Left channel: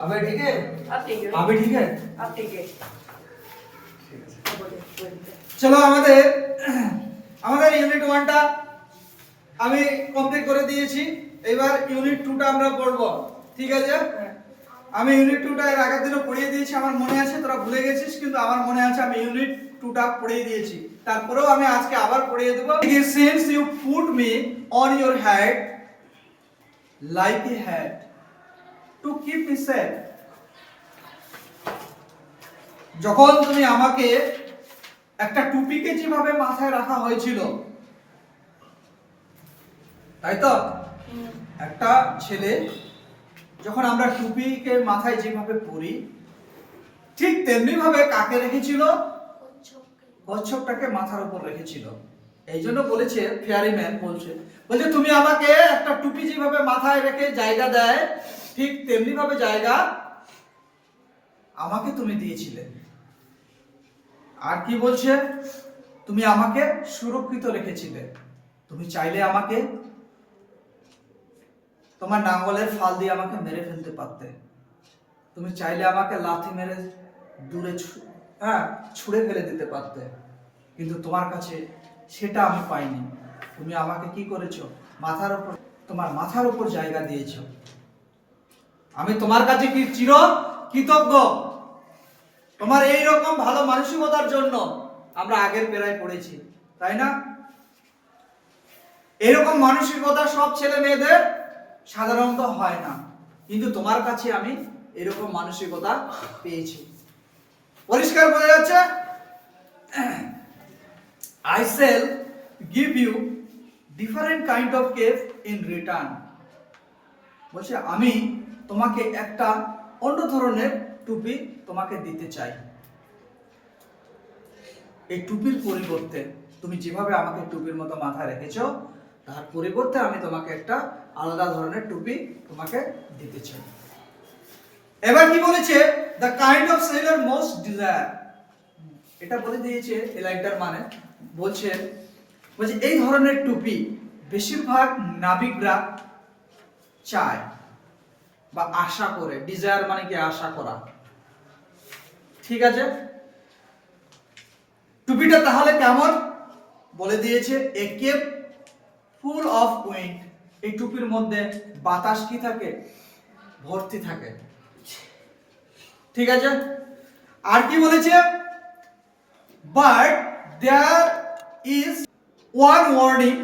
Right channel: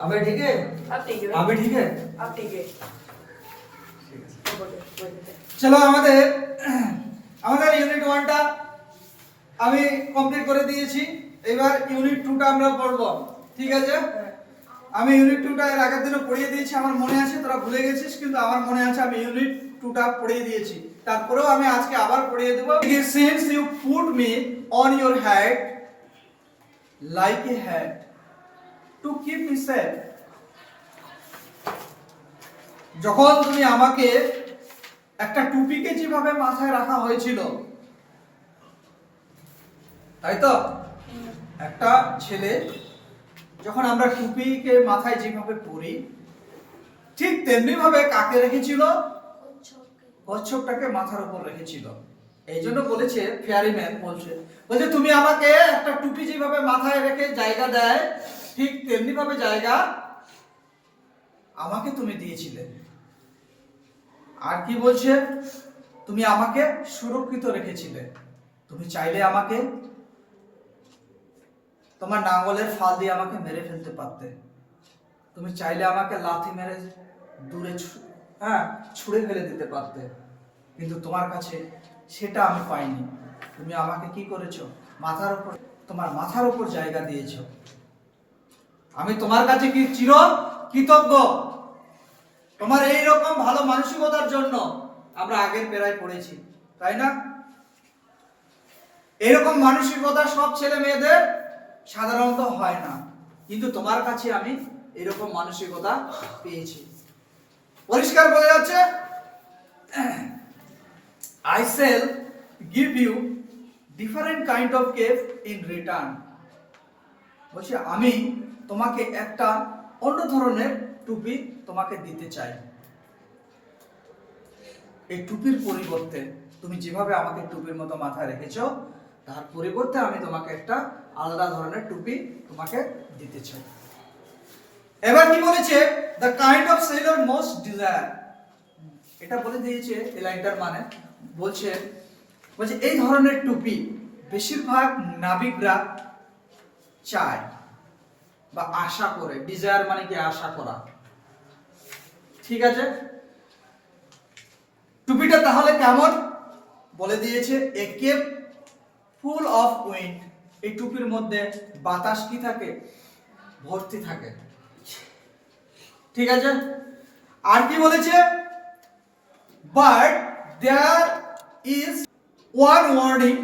अबे ठीक है अब ठीक है अभी ठीक है अब ठीक है চলো আমাদের আমাদের ইউনিট 1টা আমি কমপ্লিট করে দিয়েছি। এবার ইউনিট 2টা আমরা পড়ব, ঠিক আছে? আমি ইউনিট 2টা এর আগের দিনও পড়িয়ে দিয়েছি, আমার মনে আছে, তোরা ভুলে গেছিস, কিন্তু আমার মনে আছে আমি ইউনিট 2টা পড়িয়ে দিয়েছি। তারপরেও আমি আজকে আবার পড়িয়ে দেব। Since you put me on your head like a hat to keep me safe, যখন তুমি আমাকে একটা টুপিকে যেভাবে মাথায় রাখা হয়েছিল, তাই তো? একটা ছেলে যখন আমরা টুপিকে মাথায় যেভাবে পরি, ঠিক তেমনি ভাবে কাকে রেখেছিল? কচ্ছপটাকে মাথার উপর রেখেছিল। এই জন্য বলেছে, ফেয়ারিম্যান বলছে তুমি আমাকে একটা টুপি যেভাবে মাথায় রেখে জায়গা দেয়, ঠিক তেমনি ভাবে জায়গা আমাকে তুমি দিয়েছিলে। আর কি বলছে? তুমি আমাকে সুরক্ষিত রেখেছিলে। তুমি চাইলে আমাকে তোমার নাঙ্গলের ফাল দিয়ে আমাকে মেরে ফেলতে পারতে। তুমি চাইলে আমাকে লাথি মেরে দূরে ছুঁড়ে ফেলে দিতে পারতে, কিন্তু তোমার কাছে সেটা আমি পাইনি। তুমি আমাকে কি করেছো? মাথার উপর, তোমার মাথার উপর জায়গা দিয়েছো। আমি তোমার কাছে কি চির কৃতজ্ঞ। তোমার এই রকম ভালো মানসিকতার জন্য। আমরা আগের পেরায় পড়েছি, তাই না? এরকম মানসিকতা সব ছেলে মেয়েদের সাধারণত হয় না, কিন্তু তোমার কাছে আমি এরকম মানসিকতা পেয়েছি। পরিষ্কার বোঝা যাচ্ছে? I shall give you different kind of gift in return. বলছে আমি তোমাকে একটা অন্য ধরনের টুপি তোমাকে দিতে চাই। এই টুপির পরিবর্তে তুমি যেভাবে আমাকে টুপির মতো মাথায় রেখেছো, তার পরিবর্তে আমি তোমাকে একটা আলাদা ধরনের টুপি তোমাকে দিতে চাই। এবার কি বলেছে? The kind of sailor most desire. এটা বলে দিয়েছে এই লাইনটার মানে। বলছে এই ধরনের টুপি বেশিরভাগ নাবিকরা চায় বা আশা করে। ডিজায়ার মানে কি? আশা করা, ঠিক আছে? টুপিটা তাহলে কেমন বলে দিয়েছে? এ কেপ ফুল অফ উইন্ড। এই টুপির মধ্যে বাতাস কি থাকে? ভর্তি থাকে, ঠিক আছে? আর কি বলেছে? But there is one warning.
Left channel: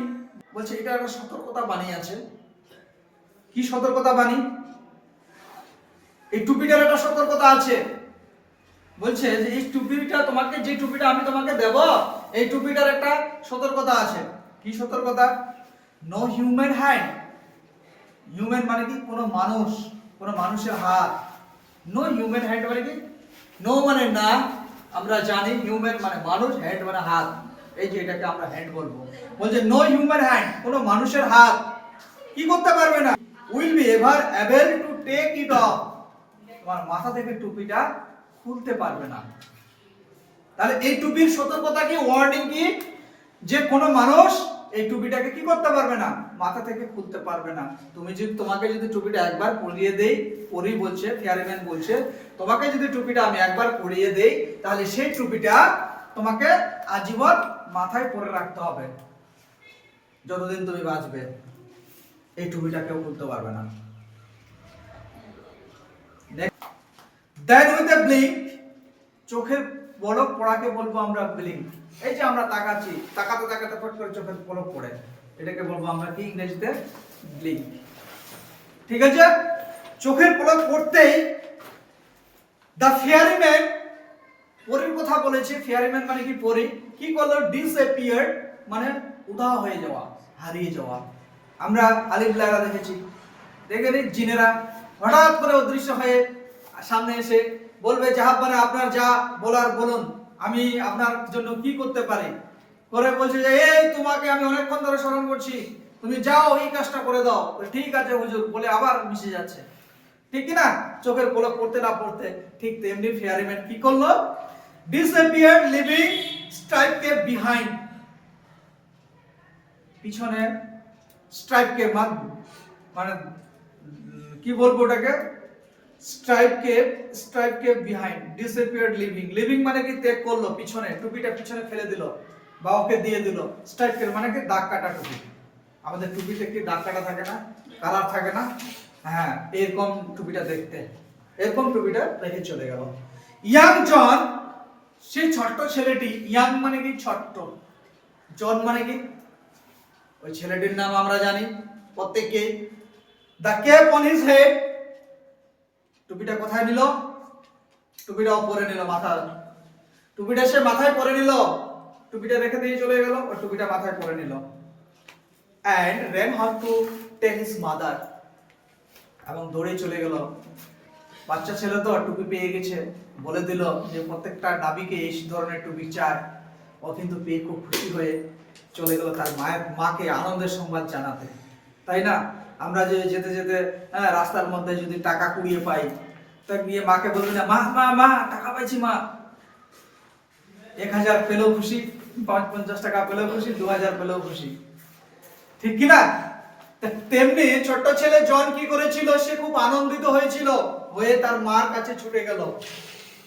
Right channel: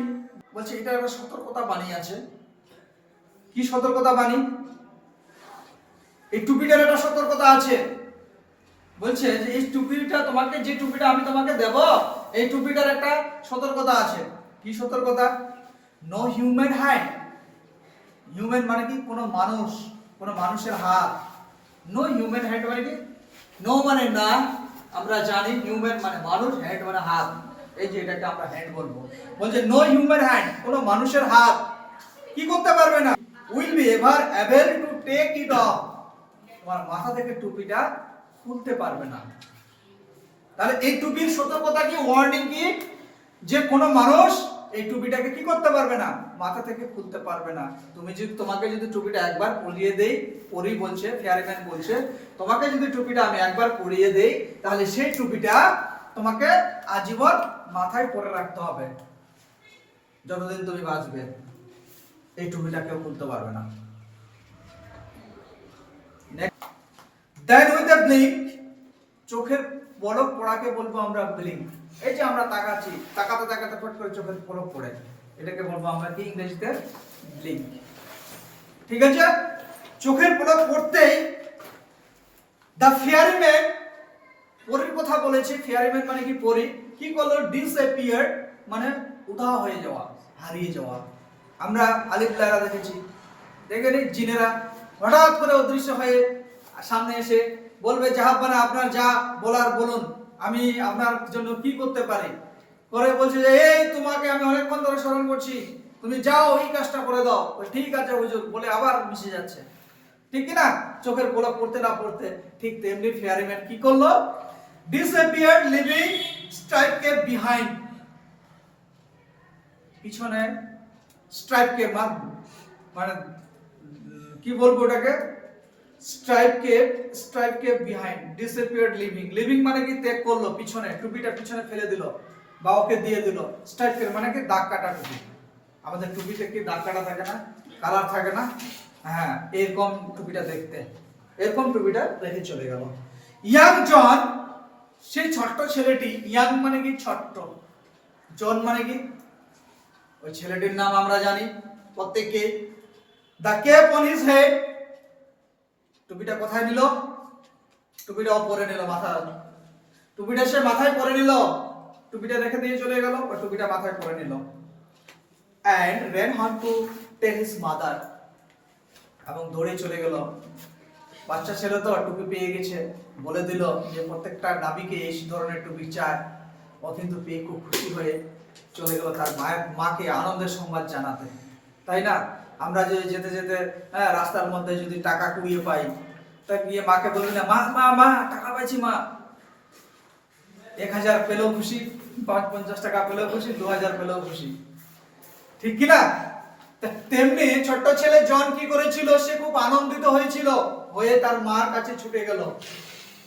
বলছে এটা একটা সতর্কতা বাণী আছে। কি সতর্কতা বাণী? এই টুপিটার একটা সতর্কতা আছে। বলছে যে এই টুপিটা তোমাকে, যে টুপিটা আমি তোমাকে দেব, এই টুপিটার একটা সতর্কতা আছে। কি সতর্কতা? No human hand. হিউম্যান মানে কি? কোনো মানুষ, কোনো মানুষের হাত। নো হিউম্যান হ্যান্ড মানে কি? নো মানে না, আমরা জানি। হিউম্যান মানে মানুষ, হ্যান্ড মানে হাত। এই যে এটাকে আমরা হ্যান্ড বলবো। বলছে নো হিউম্যান হ্যান্ড, কোনো মানুষের হাত কি করতে পারবে না। Will be ever able to take it off. তোমার মাথা থেকে টুপিটা খুলতে পারবে না। তাহলে এই টুপির সতর্কতা কি? ওয়ার্নিং কি? যে কোনো মানুষ এই টুপিটাকে কি করতে পারবে না? মাথা থেকে খুলতে পারবে না। তোমাকে যদি টুপিটা একবার পরিয়ে দেই, বলছে ফেয়ারিম্যান বলছে, তোমাকে যদি টুপিটা আমি একবার পরিয়ে দেই, তাহলে সেই টুপিটা তোমাকে আজীবন মাথায় পরে রাখতে হবে, যতদিন তুমি বাঁচবে। এই টুপিটা কেউ খুলতে পারবে না। Then with a blink, চোখের পলক পড়াকে বলবো আমরা ব্লিঙ্ক। এই যে আমরা তাকাচ্ছি, তাকাতে তাকাতে ফট করে চোখের পলক পড়ে, এটাকে বলবো আমরা কি ইংরেজিতে? ব্লিঙ্ক, ঠিক আছে? চোখের পলক পড়তেই দ্য ফেয়ারিম্যান, পরীর কথা বলেছে। ফেয়ারিম্যান মানে কি? পরী। কি করলো? ডিসঅ্যাপিয়ার মানে উধাও হয়ে যাওয়া, হারিয়ে যাওয়া। আমরা আলিফ লায়লা দেখেছি, দেখেনি? জিনেরা হঠাৎ করে অদৃশ্য হয়ে সামনে এসে বলবে, জাহাপনা আপনার যা বলার বলুন, আমি আপনার জন্য কি করতে পারি। করে বলছে যে এই তোমাকে আমি অনেকক্ষণ ধরে স্মরণ করছি, তুমি যাও এই কাজটা করে দাও। ঠিক আছে হুজুর বলে আবার মিশে যাচ্ছে, ঠিক কি না? চোখের পলক পড়তে না পড়তে। ঠিক তেমনি ফেয়ারিম্যান কি করলো? ডিসঅ্যাপিয়ার লিভিং স্ট্রাইপকে বিহাইন্ড। পিছনে স্ট্রাইপকে মানে কি বলবো ওটাকে? Stripe kept behind disappeared leaving মানে কি ত্যাগ করলো, পিছনে টুপিটা পিছনে ফেলে দিল বা ওকে দিয়ে দিল। স্ট্রাইপ কেপ মানে কি দাগ কাটা টুপি, আমাদের টুপিতে কি দাগ কাটা থাকে না, কালার থাকে না, হ্যাঁ এরকম টুপিটা দেখতে, এরকম টুপিটা রেখে চলে গেল। ইয়াং জন, সেই ছোট্ট ছেলেটি, ইয়াং মানে কি ছোট্ট, জন মানে কি ওই ছেলেটির নাম আমরা জানি প্রত্যেককে। The cap on his head, টুপিটা কোথায় নিল, টুপিটা পরে নিল মাথায়, টুপিটা সে মাথায় পরে নিল, টুপিটা রেখে দিয়ে চলে গেল, ওই টুপিটা মাথায় পরে নিল। and ran home to tell his mother, এবং দৌড়ে চলে গেল। বাচ্চা ছেলে তো টুপি পেয়ে গেছে, বলে দিল যে প্রত্যেকটা নাবিকে এই ধরনের টুপি চায়। ও কিন্তু পেয়ে খুব খুশি হয়ে চলে গেল তার মাকে আনন্দের সংবাদ জানাতে, তাই না? আমরা যে যেতে যেতে রাস্তার মধ্যে যদি টাকা কুড়িয়ে পাই, তা গিয়ে মাকে বলবে না, মা মা মা টাকা পাইছি মা। 1000 পেলেও খুশি, 50 টাকা পেলেও খুশি, 2000 পেলেও খুশি, ঠিক কি না? তেমনি ছোট ছেলে জন কি করেছিল, সে খুব আনন্দিত হয়েছিল, হয়ে তার মার কাছে ছুটে গেল।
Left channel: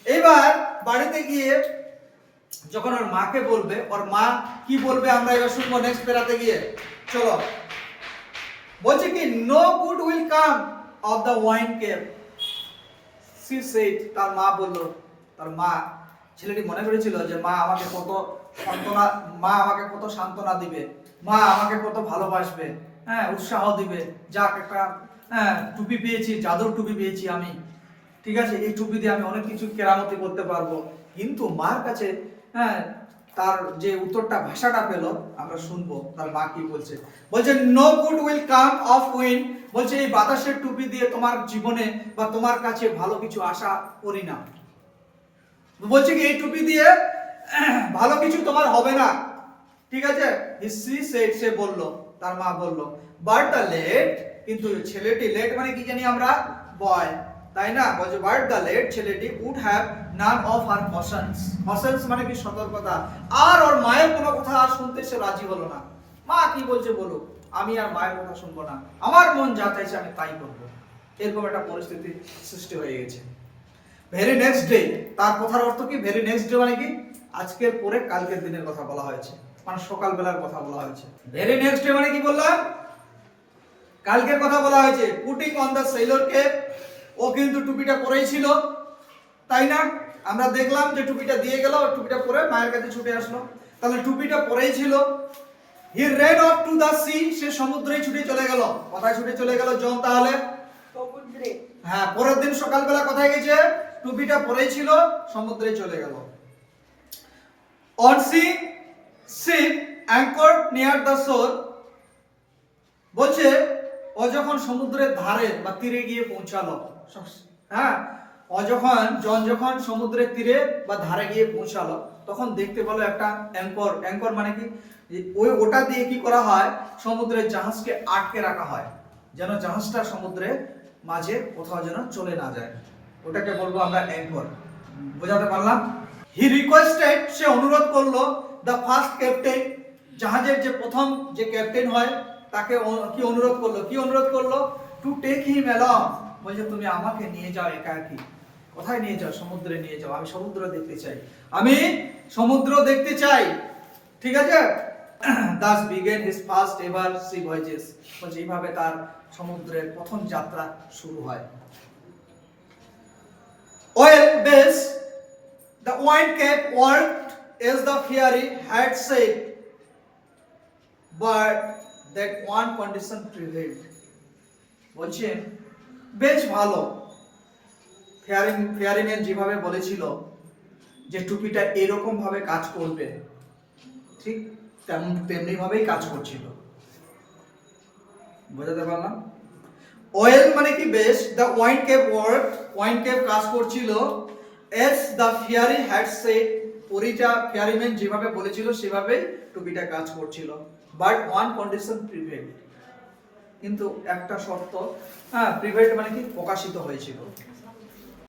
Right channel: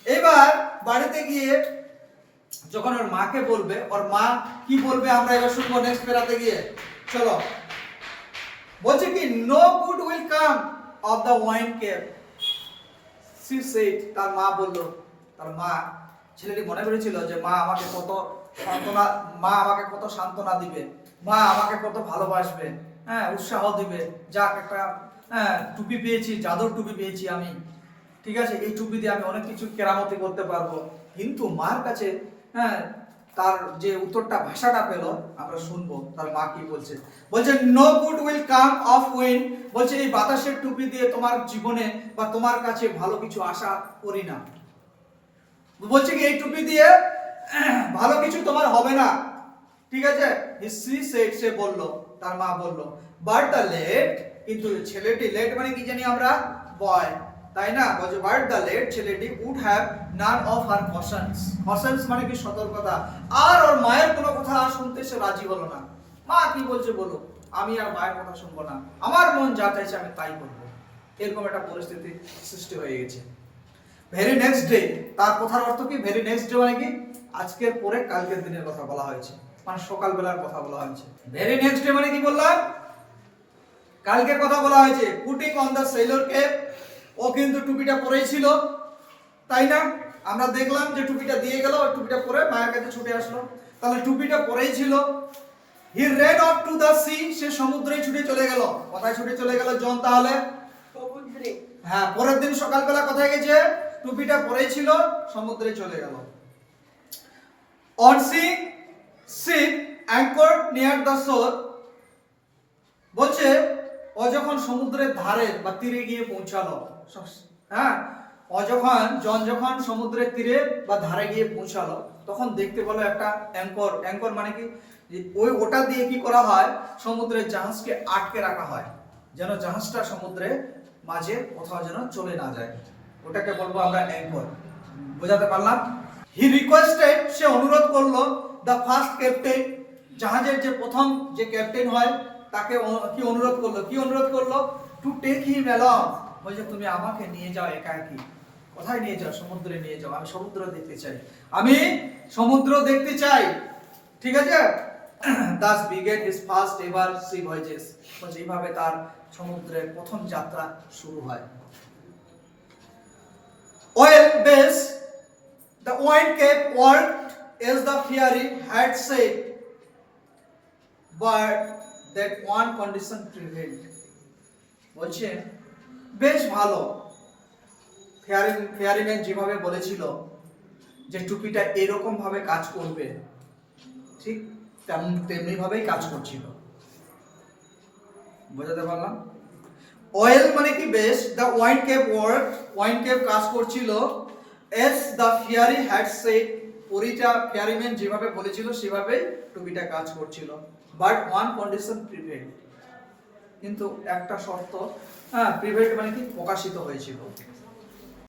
এবার বাড়িতে গিয়ে যখন ওর মাকে বলবে, ওর মা কি বলবে আমরা এবার শুনবো নেক্সট পেরাতে গিয়ে। চলো, বলছে কি no good will come of the wind cap, she said, তার মা বলল, তার মা, ছেলেটি মনে করেছিল যে মা আমাকে কত সান্ত্বনা দিবে, মা আমাকে কত ভালোবাসবে, উৎসাহ দিবে, যাক একটা টুপি পেয়েছি, জাদুর টুপি পেয়েছি আমি, ঠিক আছে এই টুপি দিয়ে আমি অনেক কিছু কেরামতি করতে পারবো। কিন্তু মার কাছে তার যে উত্তরটা, ভাষাটা পেল, আমরা শুনবো তার মা কি বলছে। বলছে no good will come of wind, বলছে এই বাতাসের টুপি দিয়ে তোমার জীবনে বা তোমার কাছে ভালো কিছু আশা করি না। বলছে কি এই টুপি দিয়ে ভালো কিছু তোমার হবে না, ঠিক আছে। সে বলল, তার মা বলল, বাট দ্য লেট, কিন্তু ছেলেটি, লেট মানে কি জানি আমরা, বয়, তাই না? বলছে বাট দ্য লেট, ছেলেটি would have none of her cautions মানে কি সতর্কতা, আর ওর মায়ের কোনো কথা আর শুনতে সে রাজি হলো না। মা কি বলছে বলো, আমি আর মায়ের কথা শুনবো না, আমার মন যা চাইছে আমি তাই করবো, এরকম একটা পরিস্থিতি সৃষ্টি হয়ে গেছে। ভেরি নেক্সট ডে, তার কথার অর্থ কি, ভেরি নেক্সট ডে মানে কি আজকের পরে কালকের দিনের কথা বলা হয়েছে, মানে সকাল বেলার কথা বলা হয়েছে। ভেরি নেক্সট ডে মানে কি বললাম, কালকের কথা বলা হয়েছে। Putting on the Sailor Cape, ও কিন্তু টুপিটা পরেই ছিল, তাই না? আমরা দেখলাম যে টুপিটা দিয়ে গেল, টুপিটা পরে মায়ের কাছে ছুটে আসলো, তাহলে টুপিটা পরেই ছিল। He ran off to the sea, সে সমুদ্রে ছুটে চলে গেল। কোথায় ছুটে চলে গেল জন তাহলে? সমুদ্রে। হ্যাঁ, পরের দিন সকালবেলা কোথায় গেছে? টুপিটা পরেই ছিল, সমুদ্রে চলে গেল। On sea ship anchored near the shore, বলছে ও যখন সমুদ্রের ধারে বা তীরে গিয়ে পৌঁছালো, জন যখন সমুদ্রের তীরে বা ধারে গিয়ে পৌঁছালো, তখন দেখতে পেলো একটা অ্যাঙ্কর মানে কি, ওটা দিয়ে কি করা হয়, সমুদ্রের জাহাজকে আটকে রাখা হয়, যেন জাহাজটা সমুদ্রের মাঝে কোথাও যেন চলে না যায়, ওটাকে বলবো আমরা অ্যাঙ্কর। বোঝাতে পারলাম? হি রিকোয়েস্টেড, সে অনুরোধ করলো, দ্য ফার্স্ট ক্যাপ্টেন, জাহাজের যে প্রথম যে ক্যাপ্টেন হয় তাকে কি অনুরোধ করলো, টু টেক হিম অ্যালং, বলছে তুমি আমাকে নিয়ে যাও একাকী। কোথায় নিয়ে যাও? সমুদ্রে নিয়ে যাও, আমি সমুদ্র দেখতে চাই, ঠিক আছে। thus began his first ever sea voyages, বলছে এইভাবে তার সমুদ্রের প্রথম যাত্রা শুরু হয়। Oil base, the wind kept worked as the fairy had said, but that one condition prevailed, বলছে বেশ ভালো, ফেয়ারিম্যান যেভাবে বলেছিল যে টুপিটা এরকম ভাবে কাজ করবে, ঠিক তেমনি ভাবেই কাজ করছিল। বোঝাতে পারলাম? অয়েল মানে কি বেশ, the wind cap work, wind cap কাজ করছিল, as the fairy had said, ferryman যেভাবে বলেছিল সেভাবেই টুপিটা কাজ করছিল। বাট ওয়ান কন্ডিশন প্রিভেইলড, কিন্তু একটা শর্ত, প্রিভেইলড মানে কি প্রকাশিত হয়েছিল,